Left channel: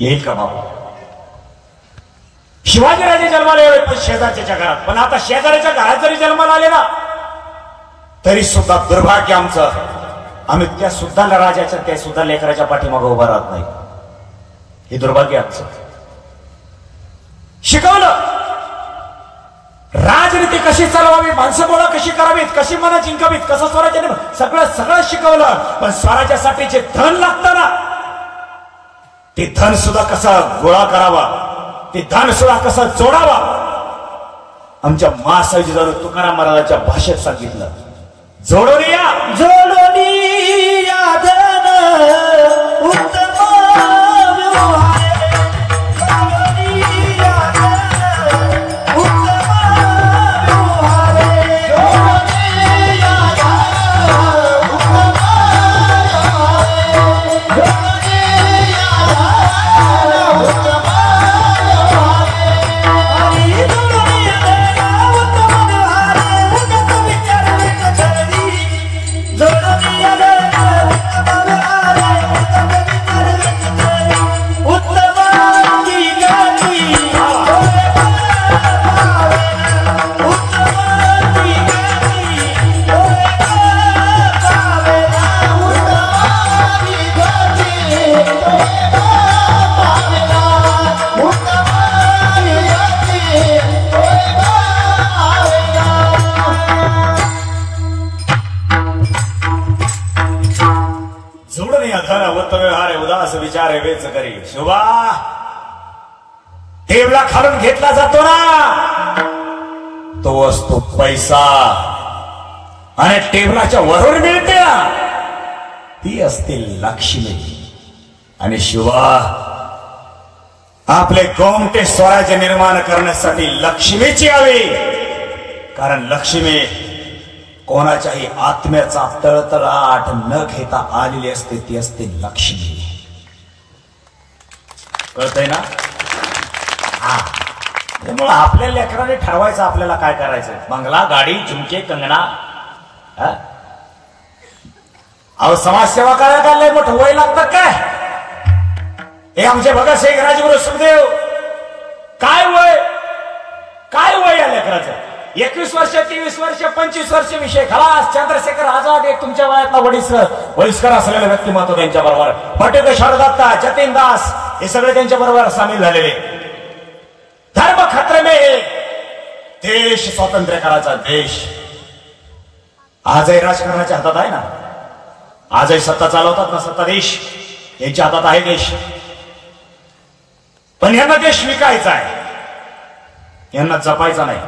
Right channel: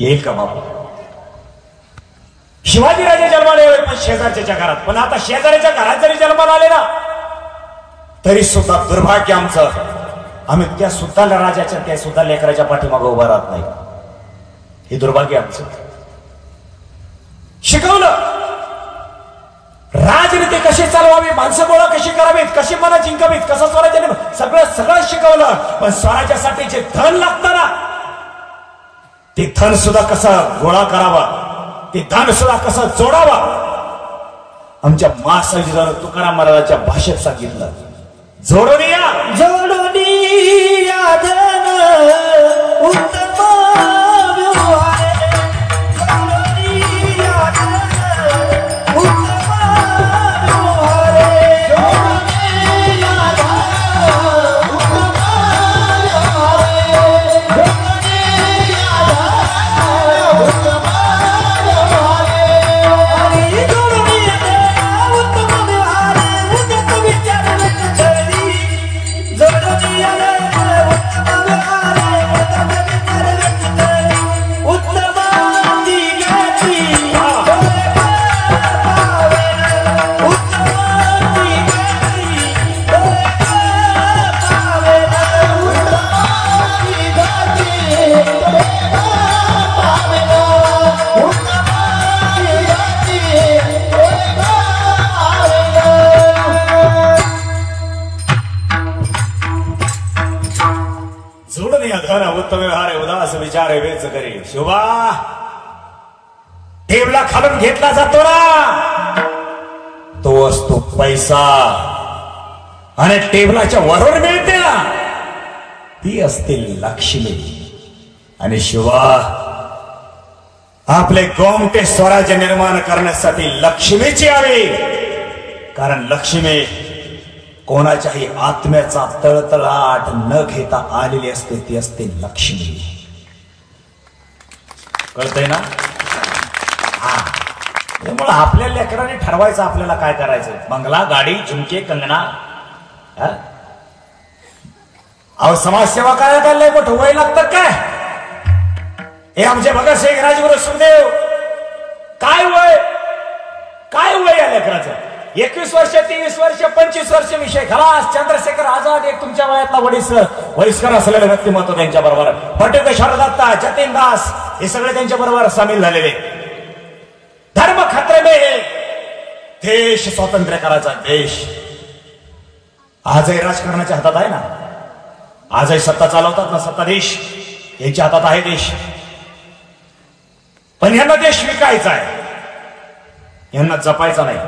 येईल का बाबा? शिवाजीराजे जन्माला आले पण शेजारच्या घरात, पण आता शेजाऱ्याच्या घरात जरी जन्माला आले ना तरी सुद्धा दुर्भाग्य आमचं, आम्ही त्या सुद्धा राजाच्या त्या सुद्धा लेकराच्या पाठीमागे उभा राहत नाही. हे दुर्भाग्य आमचं. शिकवलं राजनीती कशी चालवावी, माणसं गोळा कशी करावीत, कशी मनं जिंकावीत, कसं स्वराज्य सगळं शिकवलं. पण स्वराज्यासाठी जे धन लागतं ना ते धन सुद्धा कसा गोळा करावा, ते धन सुद्धा कसं जोडावा आमच्या महासाहेब तुकाराम महाराजांच्या भाषेत सांगितलं. जोडून या, जोडून या धन उत्तम विचार वेच करी. शिवा टेबला खालून घेतला जातो ना तो असतो पैसा, आणि टेबलाच्या वरून मिळते ना ती असते लक्ष्मी. आणि शिवा आपले गोमटे स्वराज्य निर्माण करण्यासाठी लक्ष्मीची हवी, कारण लक्ष्मी कोणाच्याही आत्म्याचा तळतळाट न घेता आलेली असते, ती असते लक्ष्मी. कळतंय ना? हा, त्यामुळे आपल्या लेकराने ठरवायचं आपल्याला काय करायचं. बंगला, गाडी, झुमके, कंगना. अहो समाजसेवा करायला काय मोठं वय लागतं काय? हे आमचे भगतसिंग, राजगुरू, सुखदेव काय वय या लेकराचं? 21 वर्ष, 23 वर्ष, 25 वर्ष विषय खास. चंद्रशेखर आझाद एक तुमच्या वयातला वयस्कर असलेले व्यक्तिमत्व त्यांच्या बरोबर. फटेक शारदत्ता, जतीन दास हे सगळे त्यांच्या बरोबर सामील झालेले. धर्म खतरे में, देश स्वातंत्र्य करायचा देश. आजही राजकारणाच्या हातात आहे ना, आजही सत्ता चालवतात ना सत्ताधीश, यांच्या हातात आहे देश. पण यांना देश विकायचा आहे, यांना जपायचा नाही.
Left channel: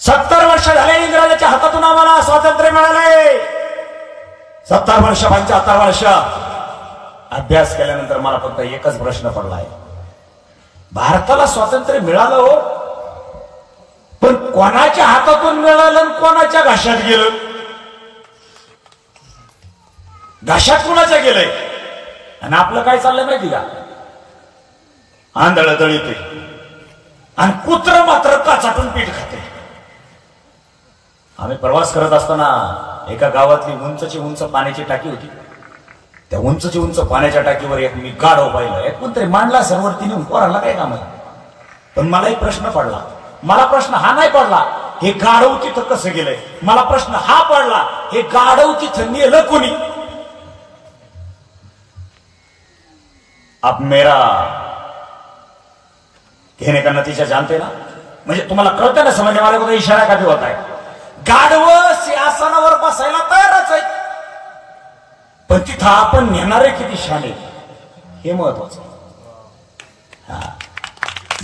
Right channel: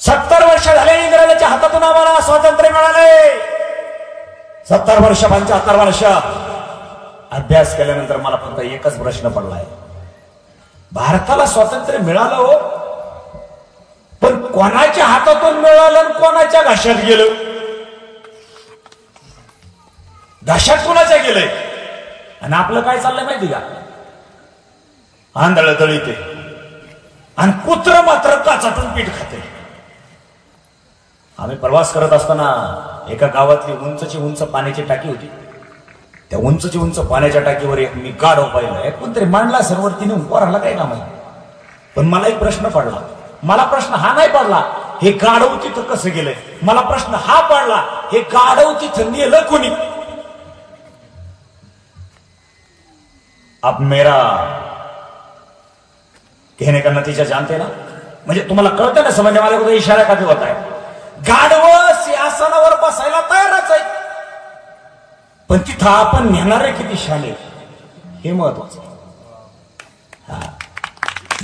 70 वर्ष झाले इंग्रजांच्या हातातून आम्हाला स्वातंत्र्य मिळाले. 70 वर्ष, 75 वर्ष अभ्यास केल्यानंतर मला फक्त एकच प्रश्न पडला आहे. भारताला स्वातंत्र्य मिळालं हो, पण कोणाच्या हातातून मिळालं आणि कोणाच्या घशात गेलं? घशात कोणाच्या गेलंय? आणि आपलं काय चाललंय माहिती का? आंधळ दळीते आणि कुत्र मात्र काचाटून पीठ खाते. आम्ही प्रवास करत असताना एका गावातली उंच पाण्याची टाकी होती. त्या उंच पाण्याच्या टाकीवर एक मी गाढव पाहिलं. कोणतरी मांडला समोर, तिने उभारला काय काम. पण मला एक प्रश्न पडला. मला प्रश्न हा नाही पडला हे गाढव तिथं कसं गेलंय, मला प्रश्न हा पडला हे गाढव तिथं नेलं कुणी. आप मेरा कहने का नतीजा जानते ना? म्हणजे तुम्हाला कळतं ना, समजने वाले को इशारा करता होता है. गाढव सिंहासनावर बसायला तयारच आहे, पण तिथं आपण नेणारे किती शाले हे महत्वाचं.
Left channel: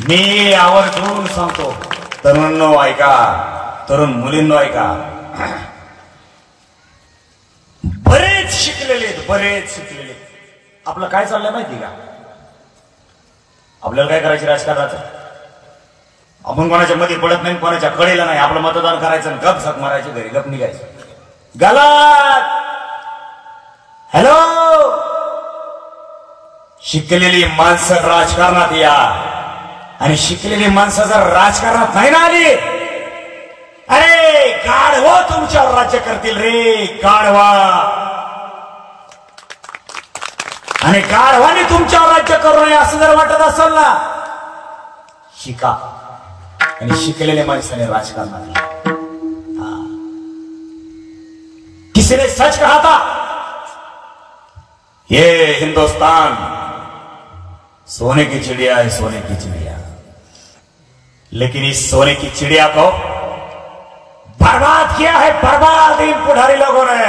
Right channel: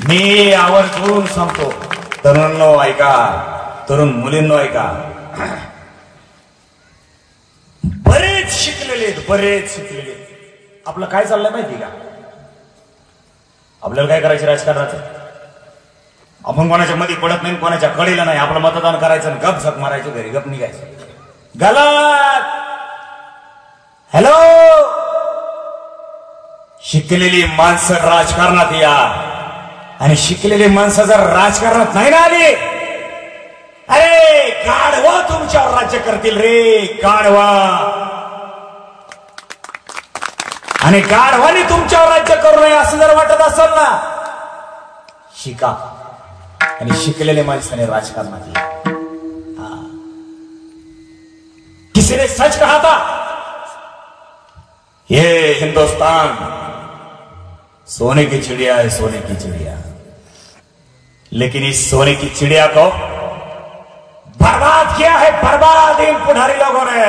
मी आवर्जून सांगतो, तरुणांनो ऐका, तरुण मुलींनो ऐका. बरेच शिकलेले. आपलं काय चाललंय माहिती का? आपल्याला काय करायचं राजकारणाचं? आपण कोणाच्या मध्ये पडत नाही, कोणाच्या कडेला नाही. आपलं मतदान करायचं, गप झक मारायची, घरी गप निघायचं. गलत. हॅलो, शिकलेली माणसं राजकारणात या, आणि शिकलेली माणसं जर राजकारणात नाही ना आली, अरे गाढवा तुमच्यावर राज्य करतील रे, गाढवा. आणि गाढवाने तुमच्यावर राज्य करू नये असं जर वाटत असेल ना, शिका. आणि शिकलेले माणसाने राजकारणात किसी ने सच कहा था, ये हिंदुस्तान सोने की चिड़िया है, सोने की चिड़िया. लेकिन इस सोने की चिड़िया को बर्बाद किया है, बर्बाद इन पुढारी लोगों ने.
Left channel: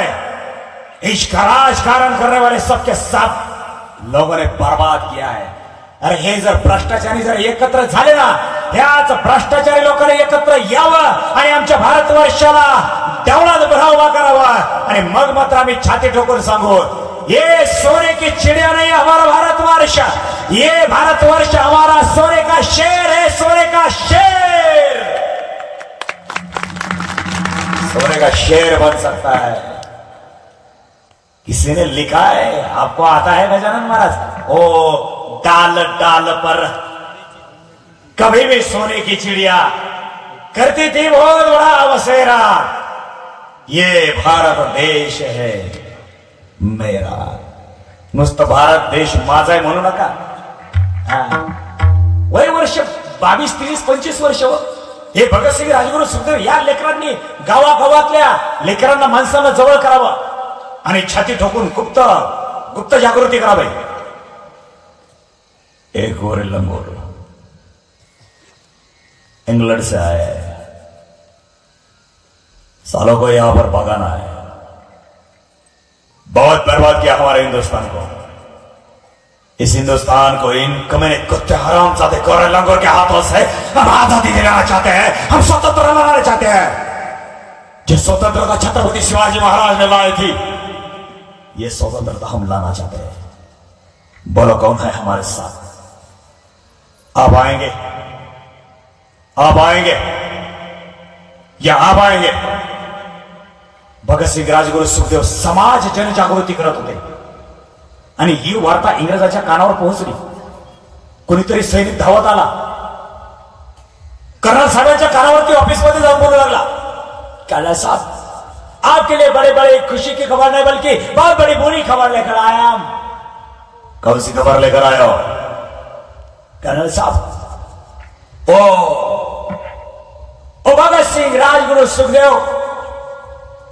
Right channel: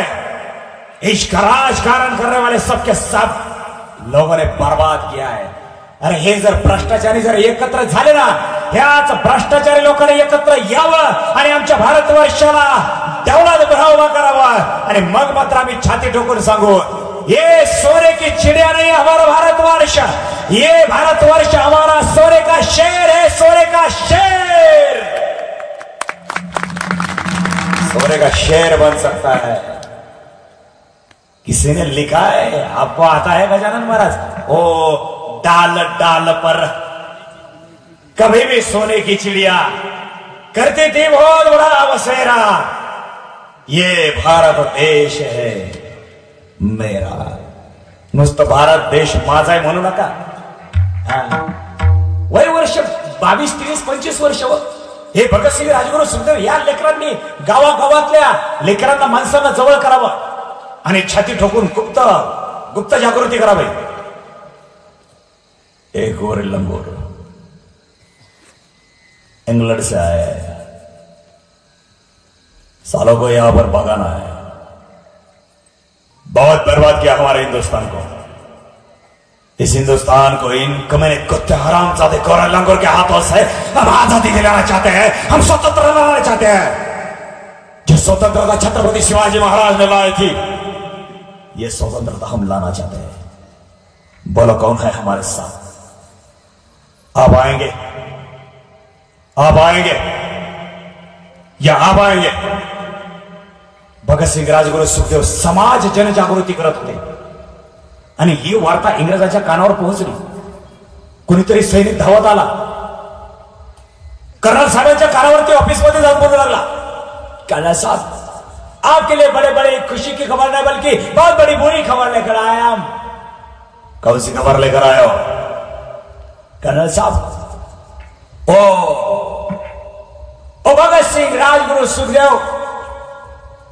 इसका राजकारण करने वाले सबके सब लोगों ने बर्बाद किया है. अरे हे जर भ्रष्टाचारी जर एकत्र झाले ना, ह्याच भ्रष्टाचारी लोकांनी एकत्र यावं आणि आमच्या भारतवर्षाला तेवढा बढ़ावा करावा. आणि मग मात्र आम्ही छाती ठोकून सांगू, ये सोने की चिड़िया नहीं हमारा भारतवर्ष, ये भारतवर्ष हमारा सोने का शेर है, सोने का शेर. सोने का शेर बन सकता है. किसी ने लिखा है, आपको आता है गजानन महाराज, ओ डाल डाल पर कभी भी सोने की चिड़िया करती थी बहुत बड़ा बसेरा. ये भारत देश है मेरा. नुसतं भारत देश माझा आहे म्हणू नका. वय वर्ष 22, 30, 25 वर्ष. हे भगतसिंग, राजगुरू, सुखदेव या लेकरांनी गावागावातल्या लेकरांना माणसांना जवळ करावं आणि छाती ठोकून गुप्त गुप्त जागृती करावी. एक गोरे लंगोर इंग्लैंड से आए, सालों को यहां पर भगाना है. बहुत बर्बाद किया हमारे हिंदुस्तान को. इस हिंदुस्तान को इन कमीने कुत्ते हरामजादे गोरे लंगोर के हाथों से हम आजादी दिलाना चाहते हैं. हम स्वतंत्र बनाना चाहते हैं. जो स्वतंत्रता छत्रपति शिवाजी महाराज ने लाई थी, ये स्वतंत्रता हम लाना चाहते हैं. बोलो कौन है हमारे साथ? आप आएंगे? आप आएंगे या आप आएंगे? भगतसिंग, राजगुरू, सुखदेव समाज जनजागृती करत होते आणि ही वार्ता इंग्रजाच्या कानावर पोहोचली. कोणीतरी सैनिक धावत आला, कर्नल साहेबांच्या कानावरती ऑफिसमध्ये जाऊन बोलू लागला, कर्नल साहब आपके लिए बड़े बड़े खुशी की खबर नहीं बल्कि बहुत बड़ी बुरी खबर लेकर आया हम. कौन सी खबर लेकर आया हो? कर्नल साहब, ओ भगत सिंह, राजगुरू, सुखदेव,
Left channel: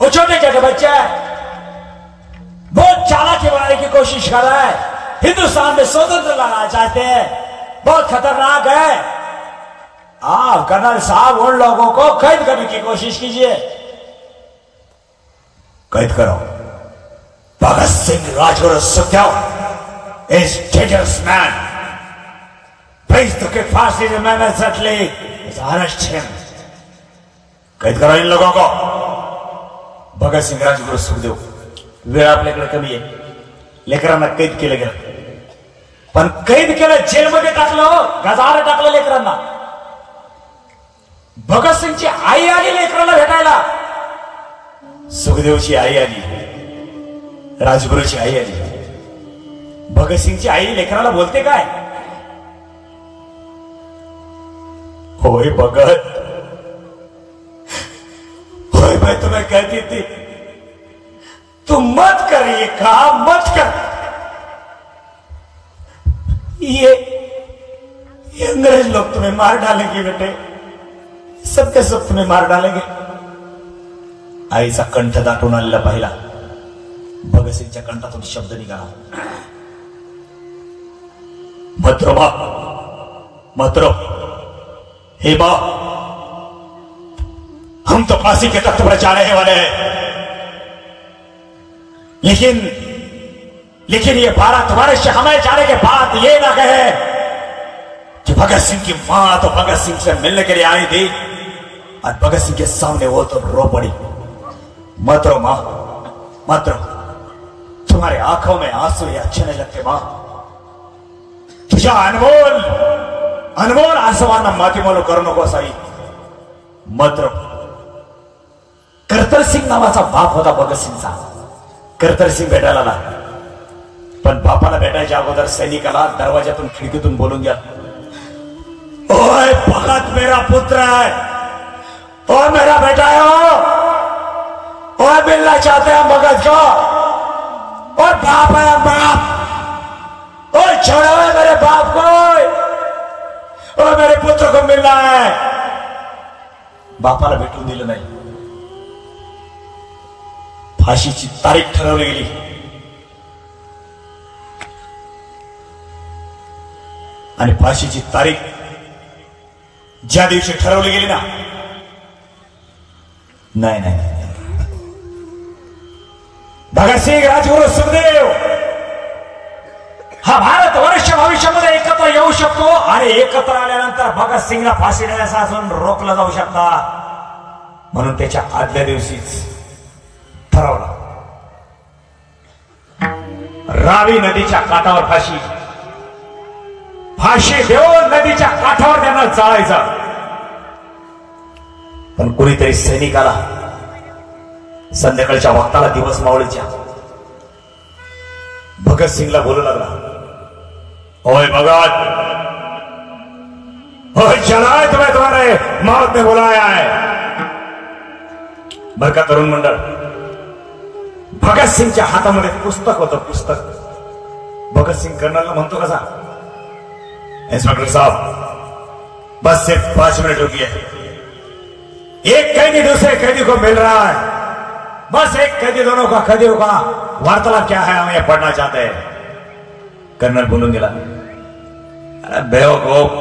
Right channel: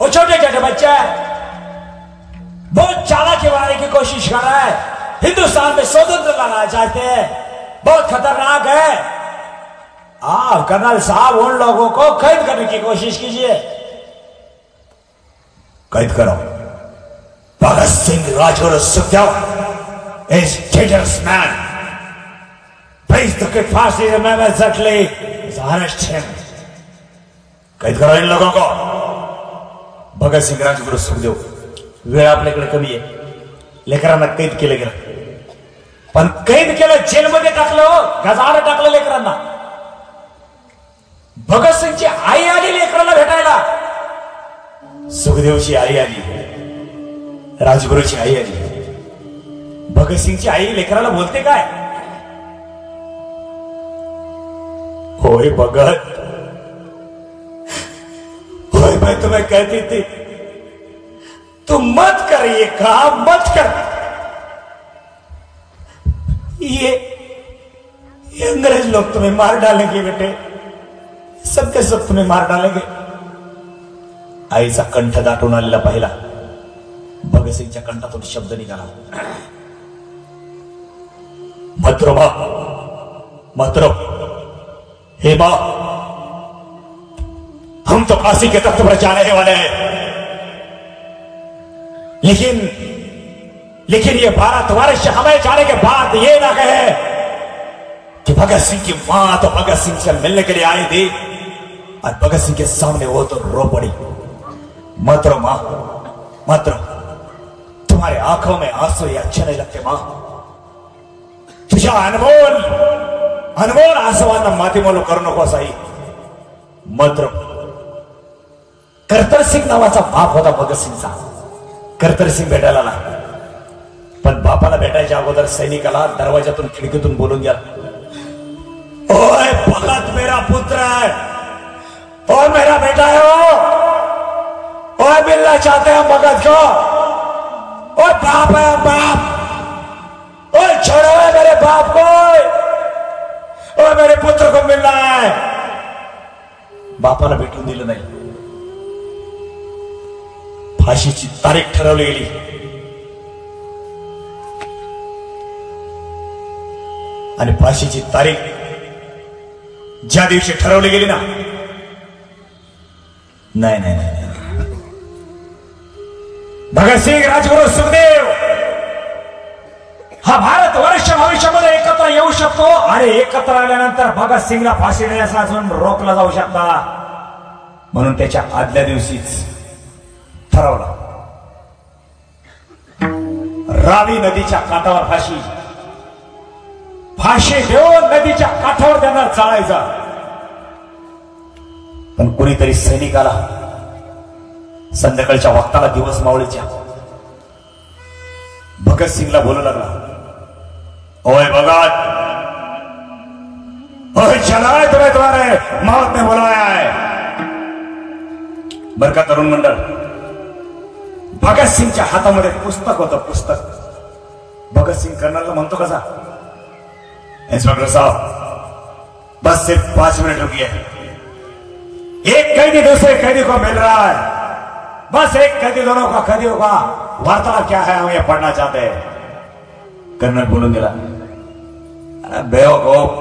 वो छोटे छोटे बच्चे हैं, बहुत चालाकी मारने की कोशिश कर रहा है. हिंदुस्तान में स्वतंत्र लाना चाहते हैं, बहुत खतरनाक है. आप कर्नल साहब उन लोगों को कैद करने की कोशिश कीजिए. कैद करो. Bhagat Singh, Rajguru, Sukhdev is dangerous man. Place the kid fast in the man exactly. Arrest him. कैद करो इन लोगों को. भगत सिंह, राजगुरू, सुखदेव, वेळ आपल्याकडे कमी आहे. लेकरांना कैद केले गेलं, पण कैद केलं, जेलमध्ये टाकलं, गजाला टाकलं लेकरांना. भगत सिंगची आई आली लेकरांना भेटायला. सुखदेवची आई आली, राजगुरूची आई आली. भगत सिंगची आई लेकराला बोलते काय? होय भगत, होय मैं तुम्हें कहती थी तू मत कर, ये काम मत कर. ये अंग्रेज लोग तुम्हें मार डालेंगे बेटे, सबके सब तुम्हें मार डालेंगे. आईचा कंठ दाटून आलेला पाहिला. भगतसिंगच्या कंठातून शब्द निघाला, मत मां, मत रो. हे मां, हम तो फांसी के तख्त पर जाने वाले हैं, लेकिन ये भारतवर्ष हमें जाने के बाद ये ना कहे कि भगत सिंह की मां तो भगत सिंह से मिलने के लिए आई थी और भगत सिंह के सामने वो तो रो पड़ी. मत रो मां, मत रो. तुम्हारे आंखों में आंसू ये अच्छे नहीं लगते मां. तुझ्या अनमोल अनमोल आसवांना मातीमोल करू नकोस आई. मत रो. कर्तन सिंग नावाचा बाप होता भगत सिंगचा. कर्तन सिंग भेटायला आला, पण बापाला भेटायच्या अगोदर सैनिकाला दरवाजातून खिडकीतून बोलून घ्या, ओए भगत मेरा पुत्र है और मेरा बेटा है और मिलना चाहते हैं भगत को. और बाप है बाप, छोड़ो मेरे बाप को और मेरे पुत्र को मिलना है। बापाला भेटून दिलं नाही। फाशीची तारीख ठरवली गेली। आणि फाशीची तारीख ज्या दिवशी ठरवली गेली ना, नाही नाही नाही, भगतसिंग, राजगुरू, सुखदेव हा भारत वर्ष भविष्यामध्ये एकत्र येऊ शकतो आणि एकत्र आल्यानंतर भगतसिंगला फाशी देण्यापासून रोखलं जाऊ शकता, म्हणून त्याच्या आदल्या दिवशीच ठरवलं रावी नदीच्या काठावर फाशी। फाशी देऊन नदीच्या काठावर त्यांना जाळायचा। पण कुणीतरी सैनिकाला संध्याकाळच्या वक्ताला दिवस मावळीच्या भगतसिंगला बोलू लागला, ओए भगत, ओए चला, तुम्हें तुम्हारे मौत ने बुलाया है। बरका तरुण मंडळ, भगतसिंगच्या हातामध्ये पुस्तक होतं, पुस्तक। भगतसिंग कर्नलला म्हणतो कसा, इंस्पेक्टर साहब बस सिर्फ 5 मिनट रुकिए, एक कैदी दूसरे कैदी को मिल रहा है, बस एक कैदी दोनों का कैदियों का वार्तालाप क्या है हम ये पढ़ना चाहते हैं। कर्नल बोलून दिला, अरे बेवकूफ,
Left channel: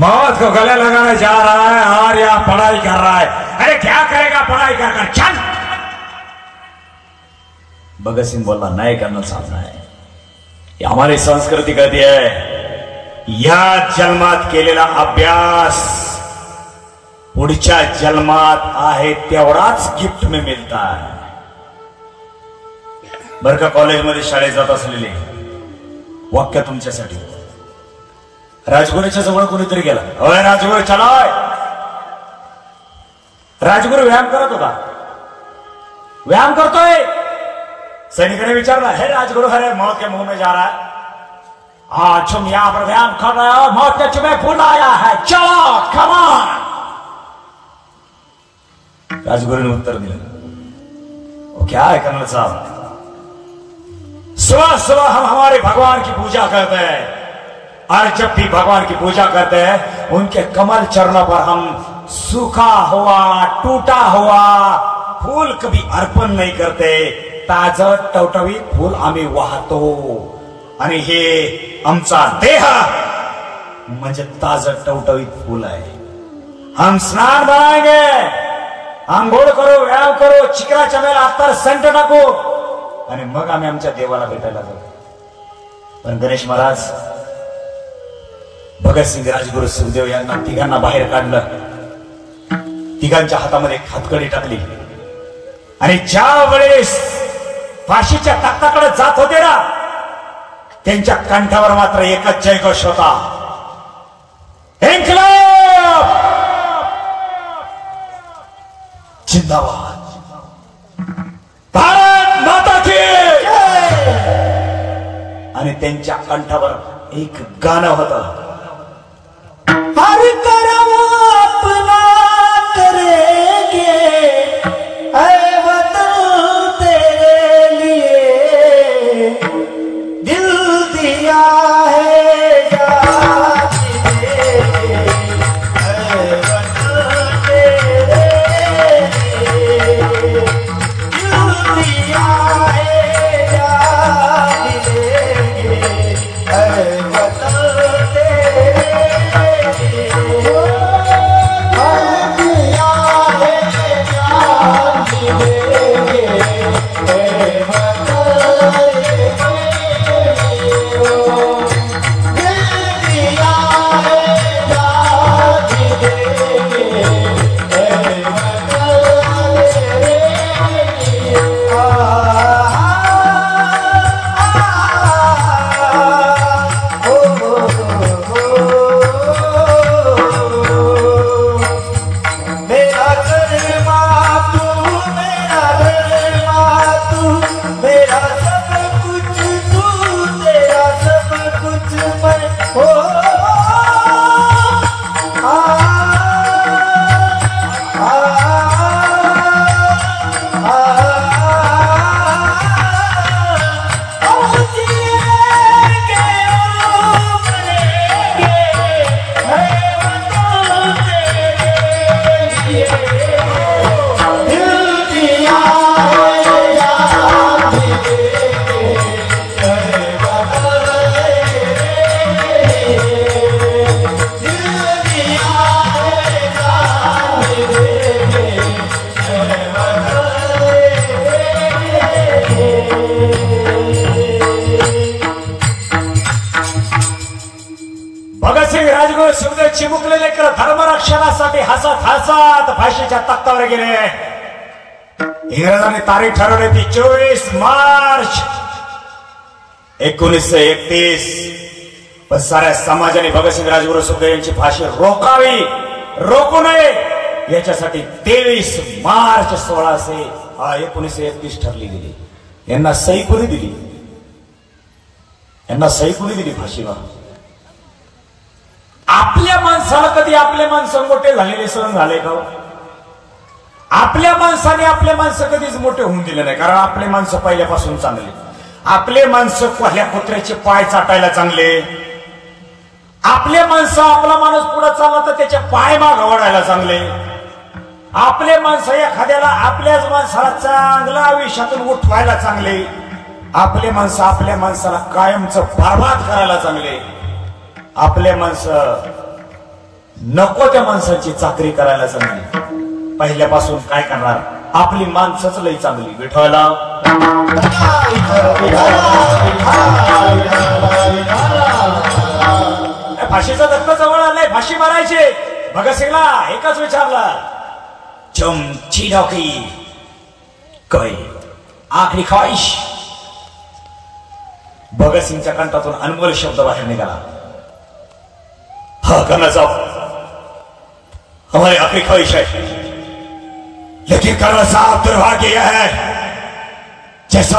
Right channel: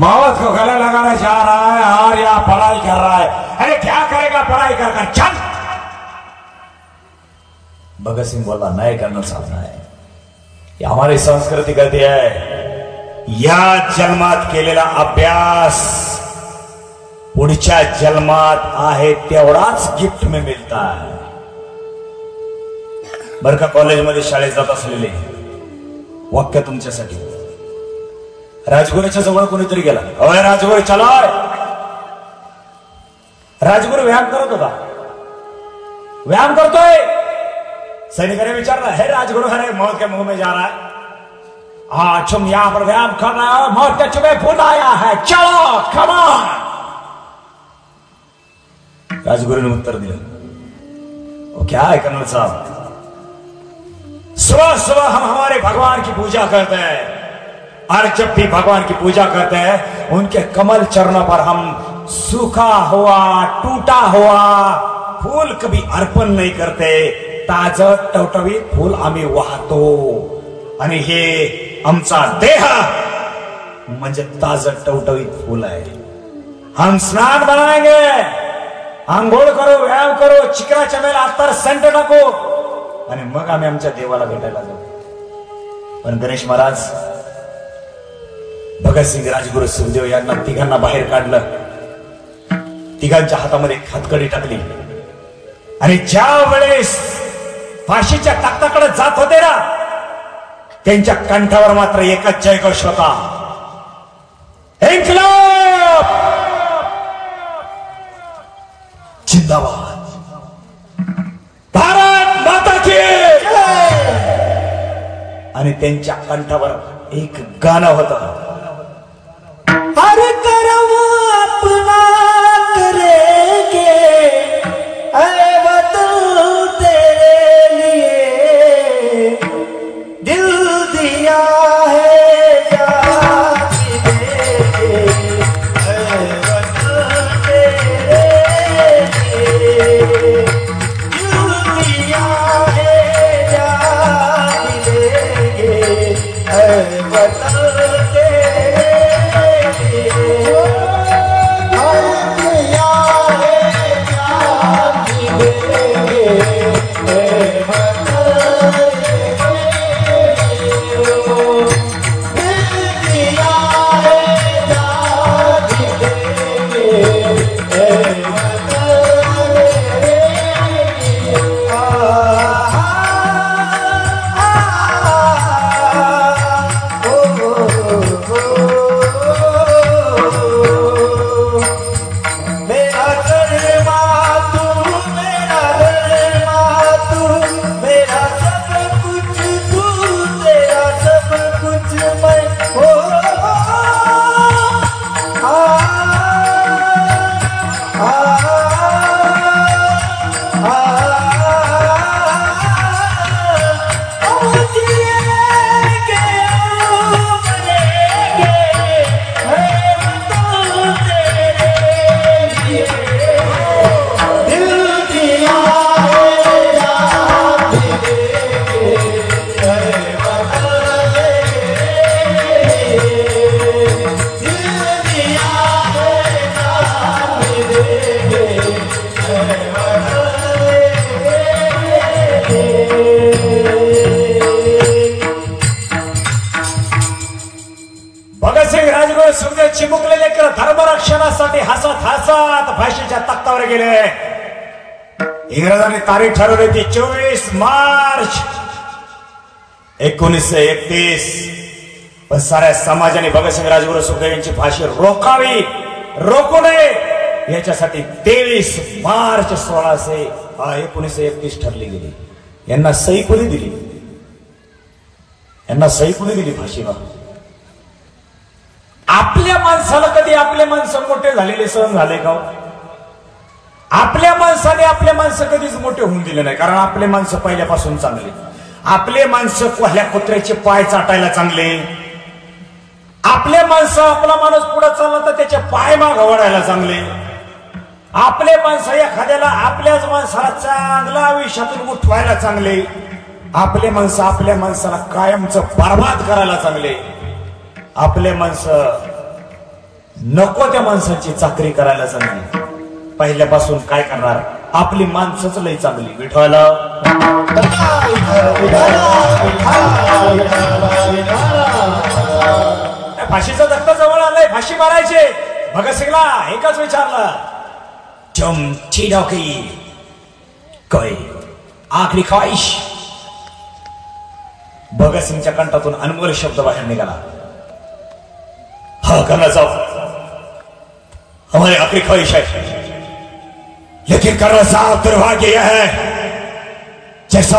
मौत को गले लगाने जा रहा है और यहां पढ़ाई कर रहा है। अरे क्या करेगा पढ़ाई कर कर, चल। भगत सिंह बोला, नहीं कर्नल साहब, नहीं, ये हमारी संस्कृती कहती है या जन्मात केलेला अभ्यास पुढच्या जन्मात आहे तेवढाच गिफ्ट में मिळता है। बर का, कॉलेजमध्ये शाळेत जात असलेले वाक्य तुमच्यासाठी। राजगुरूच्या जवळ कोणीतरी गेला, अरे राजगुरू चलाय। राजगुरू व्यायाम करत होता, व्यायाम करतोय। सैनिकाने विचारला, हे राजगुरू, अरे मौत के मुंह में जा रहा है, तुम यहां पर व्यायाम कर रहे हो, मौत ने तुम्हें बुलाया है, चलो कम ऑन। राजगुरु ने उत्तर दिया, वो क्या है कर्नल साहब, सुबह सुबह हम हमारे भगवान की पूजा करते हैं, और जब भी भगवान की पूजा करते हैं उनके कमल चरणों पर हम सूखा हुआ, टूटा हुआ फूल कभी अर्पण नहीं करते, ताजं टवटवीत फूल आम्ही वाहतो, आणि हे आमचा देह म्हणजे ताजं टवटवीत फूल आहे। हम स्नान बनाएंगे, आंघोळ करो, व्यायाम करो, चिकना चमेला अत्तर सेंट टाकू, आणि मग आम्ही आमच्या देवाला भेटायला जाऊ। पण गणेश महाराज, भगतसिंग, राजगुरू, सुखदेव यांना तिघांना बाहेर काढलं, तिघांच्या हातामध्ये हातकडी टाकली, आणि ज्या वेळेस फाशीच्या तख्ताकडे जात होते ना, त्यांच्या कंठावर मात्र एकच जयघोष होता, इन्कलाब जिंदाबाद, भारत माता की। आणि त्यांच्या कंठावर एक गाणं होतं, हर कर्म अपना करेंगे, ऐ वतन तेरे लिए दिल दिया है जान देंगे, ऐ वतन तेरे लिए दिल दिया है जान देंगे, ऐ वतन राजगुरू सुखदेव चिमुकलेले धर्मरक्षणासाठी हसत हसत फाशीच्या तख्तावर गेले. इंग्रजांनी तारीख ठरवली होती 24 मार्च 1931. पण साऱ्या समाजाने भगतसिंग राजगुरू सुखदेव यांची फाशी रोखावी, रोखू नये याच्यासाठी 23 मार्च 1931 ठरली गेली. यांना सही कोणी दिली? यांना सही कोणी दिली फाशीला? आपल्या माणसाला कधी आपले माणसं मोठे झालेले सहन झाले का? आपल्या माणसाने आपल्या माणसं कधीच मोठे होऊन दिले नाही. कारण आपले माणसं पहिल्यापासून चांगले. आपले माणसं कोल्ह्या कुत्र्याचे पाय चाटायला चांगले. आपले माणसं आपला माणूस पुढे चालला तर त्याचे पाय मागे वळायला चांगले. आपले माणसं एखाद्याला आपल्याच माणसाला चांगल्या आयुष्यातून उठवायला चांगले. आपले माणसं आपल्या माणसाला कायमचं बरबाद करायला चांगले. आपले माणसं नको त्या माणसाची चाकरी करायला चांगली. पहिल्यापासून काय करणार? आपली माणसंच लई चांगली. विठवायला फाशीचा धक्का जवळ आलाय. फाशी मारायचे. भगतसिंगला एकच विचारलं, तुम चीनों की कोई आखरी ख्वाहिश? भगतसिंगच्या कंठातून अनमोल शब्द बाहेर निघाला, हाँ करना साहब, हमारी आखिरी ख्वाहिश है. लेकिन करना साहब दुर्भाग्य यह है जैसा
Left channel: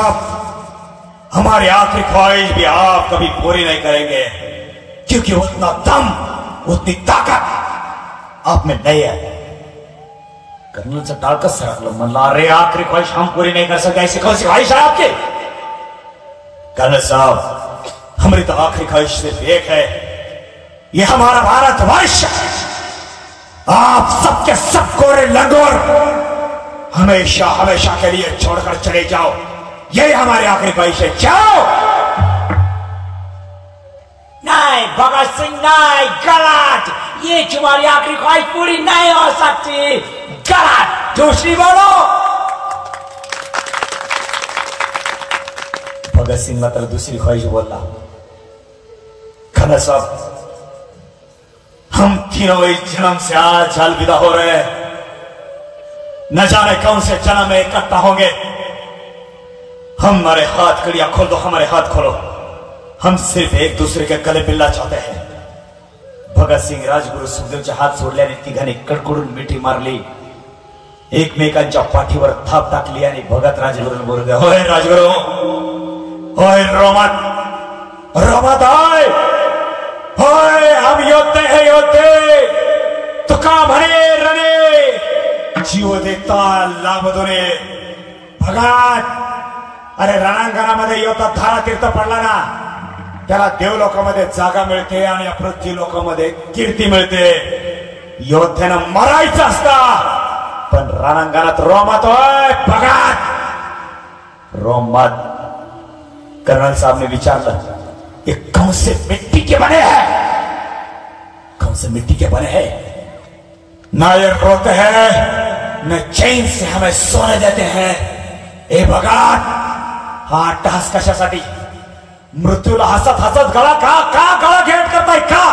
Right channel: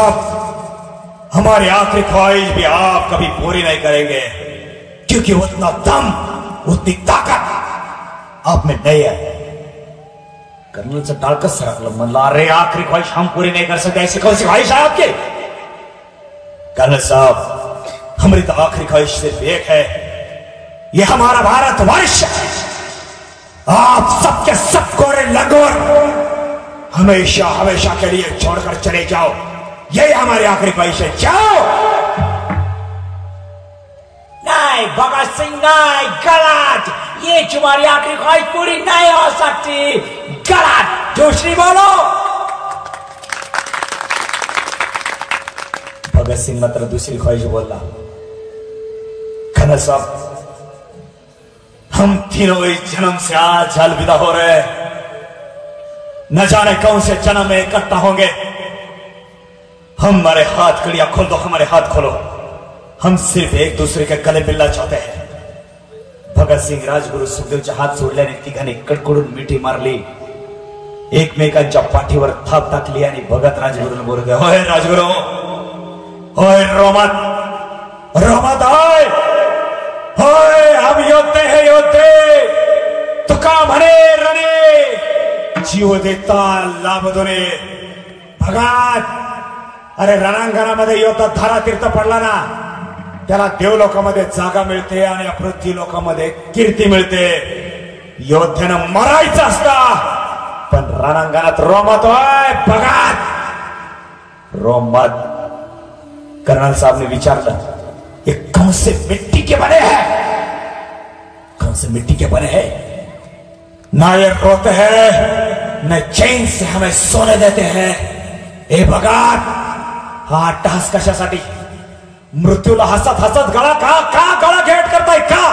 हमारी आखिरी ख्वाहिश भी आप कभी पूरी नहीं करेंगे, क्योंकि उतना दम उतनी ताकत आप में नहीं है. कर्नलचं टाकच राखलं. म्हणलं अरे आखिरी ख्वाहिश हम पूरी नहीं कर सकते, ऐसी कौन सी ख्वाहिश है आपके? कर्नल साहब हमारी तो आखिरी ख्वाहिश सिर्फ एक है, ये हमारा भारतवर्ष आप सबके सब कोरे लंगोर हमेशा हमेशा के लिए छोड़कर चले जाओ. यही हमारी आखिरी ख्वाहिश है. जाओ. नहीं भगत सिंह नहीं, गलत. ये तुम्हारी आखिरी ख्वाहिश पूरी नहीं हो सकती. गलत. दूसरी बोलो. भगत सिंह मात्र दूसरी ख्वाहिश बोला. खन्ना साहब हम तीनों इस जन्म से आज अलविदा हो रहे हैं. न जाने कौन से जन्म में इकट्ठा होंगे. हमारे हाथ कड़िया खोलो, हमारे हाथ खोलो. हम सिर्फ एक दूसरे के गले मिलना चाहते हैं. भगत सिंग राजगुरू सुखदेवचे हात सोडल्याने तिघांनी कडकडून मिठी मारली. एकमेकांच्या पाठीवर थाप टाकली आणि भगत राजगुरू बोलले, होय राजगुरू, होय रोमत, रोमत होय, होय हम योद्धे हैं, योद्धे. तुका म्हणे रणे जीव देता लाभ दोने. भगत अरे रणांगणामध्ये योद्धा धारा तीर्थ पडला ना, त्याला देव लोकांमध्ये जागा मिळते आणि पृथ्वी लोकांमध्ये कीर्ती मिळते. योद्ध्यानं मरायचं असतं, पण रणांगणात रोमत होय. भगत रोमत. कर्नल साहब ने विचारलं, ये कौन से मिट्टी के बने हैं? कौन से मिट्टी के बने हैं? ना ये रोते हैं न चैन से हमें सोने देते हैं. ए भगत हा टास कशासाठी? मृत्यूला हसत हसत गळा का का गळा घेट करताय का?